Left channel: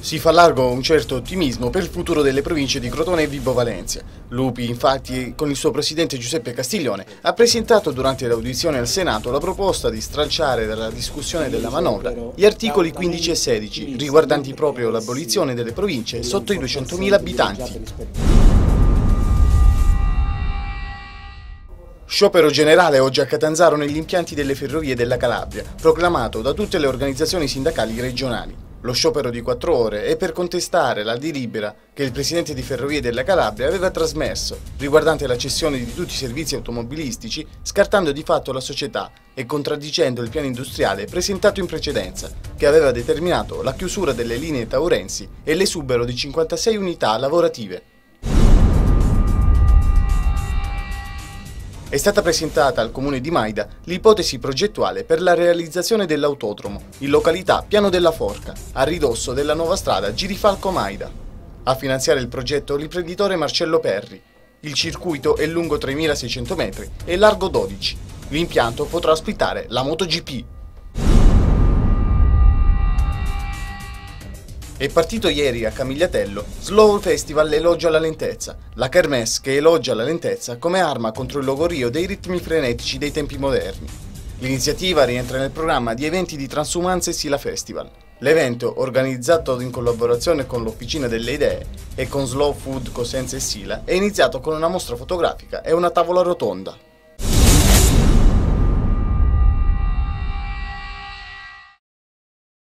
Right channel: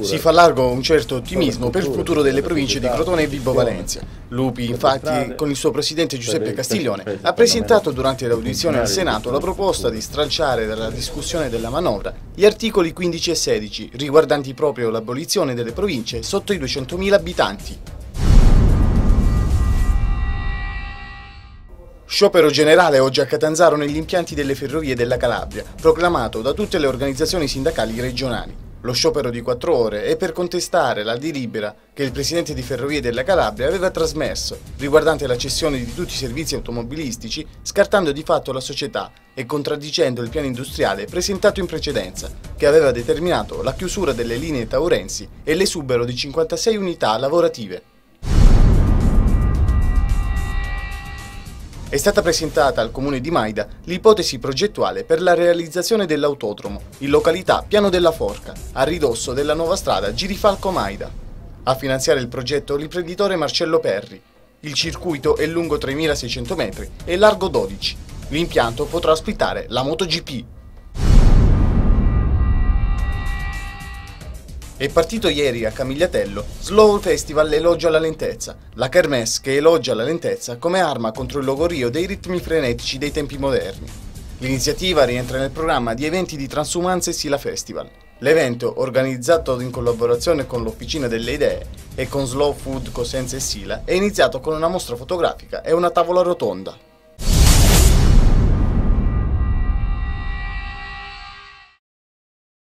Si fa largo un certo ottimismo per il futuro delle province di Crotone e Vibo Valentia. Lupi, infatti, con il suo presidente Giuseppe Castiglione, ha presentato durante l'audizione al Senato la proposta di stralciare dalla discussione della manovra gli articoli 15 e 16, riguardanti proprio l'abolizione delle province sotto i 200.000 abitanti. Sciopero generale oggi a Catanzaro negli impianti delle ferrovie della Calabria, proclamato da tutte le organizzazioni sindacali regionali. Lo sciopero di 4 ore è per contestare la delibera che il presidente di Ferrovie della Calabria aveva trasmesso, riguardante la cessione di tutti i servizi automobilistici, scartando di fatto la società e contraddicendo il piano industriale presentato in precedenza, che aveva determinato la chiusura delle linee Taurensi e l'esubero di 56 unità lavorative. È stata presentata al comune di Maida l'ipotesi progettuale per la realizzazione dell'autodromo in località Piano della Forca, a ridosso della nuova strada Girifalco-Maida. A finanziare il progetto l'imprenditore Marcello Perri. Il circuito è lungo 3.600 metri e largo 12. L'impianto potrà ospitare la MotoGP. È partito ieri a Camigliatello Slow Festival Elogia la lentezza, la kermesse che elogia la lentezza come arma contro il logorio dei ritmi frenetici dei tempi moderni. L'iniziativa rientra nel programma di eventi di transumanza e Sila Festival. L'evento, organizzato in collaborazione con l'Officina delle Idee e con Slow Food Cosenza e Sila, è iniziato con una mostra fotografica e una tavola rotonda.